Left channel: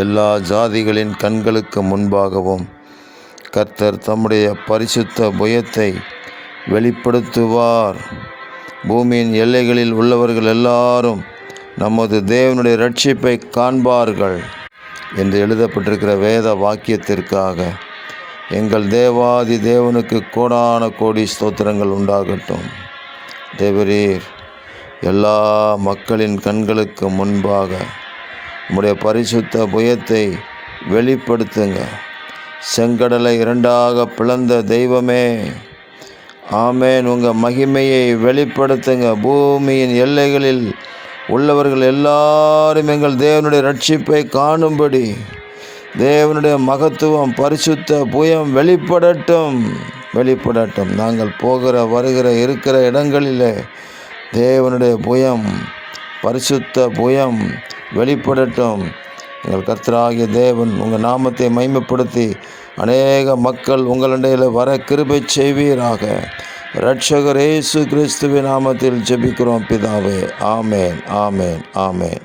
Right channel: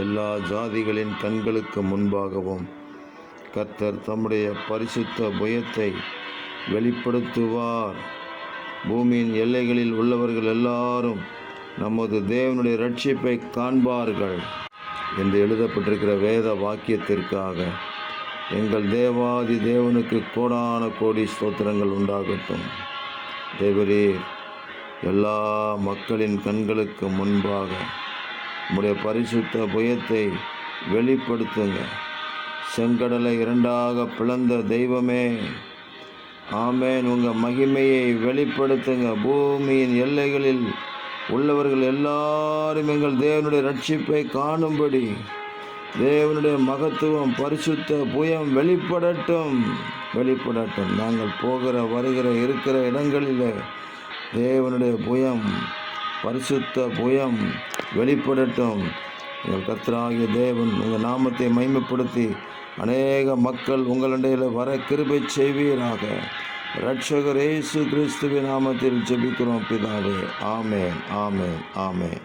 எல்லா ஜாதிகளின் கண்களுக்கு முன்பாகவும் கர்த்தர் தம்முடைய பரிசுத்த புயத்தை வெளிப்படுத்துவார். பூமியின் எல்லைகளில் உள்ளவர்கள் எல்லாரும் நமது தேவனுடைய இரட்சிப்பை காண்பார்கள் என்று எழுதப்பட்டிருக்கிற வேத வாக்கியத்திற்காக எங்கள் தேவாதி தேவனுக்கு கோடான கோடி ஸ்தோத்திரங்கள் உண்டாகட்டும். தேவரீர் எல்லா மக்களின் கண்களுக்கு முன்பாக உம்முடைய பரிசுத்த புயத்தை வெளிப்படுத்துங்க. செங்கடலை இரண்டாக பிளந்த தெய்வமே, ஆமேன். உங்கள் மகிமையை வெளிப்படுத்துங்க. பூமியின் எல்லைகளில் உள்ளவர்கள் எல்லாரும் எங்கள் தேவனுடைய இரட்சிப்பை காணும்படி தேவனுடைய மகத்துவம் பரிசுத்த புயம் வெளிப்படட்டும். நாங்கள் போகிற வருகிற இருக்கிற இடங்களில் தேவனுடைய புயம் பரிசுத்த புயம் வெளிப்படட்டும். எங்கள் கர்த்தராகிய தேவன் உங்கள் நாமத்தை மகிமைப்படுத்தி அநேக மக்கள் உங்களிடையில் வர கிருபை செய்வீராக. இரட்சகர் இயேசு கிறிஸ்துவின் நாமத்தில் ஜெபிக்கிறோம் பிதாவே. ஆமேன், ஆமேன், ஆமேன்.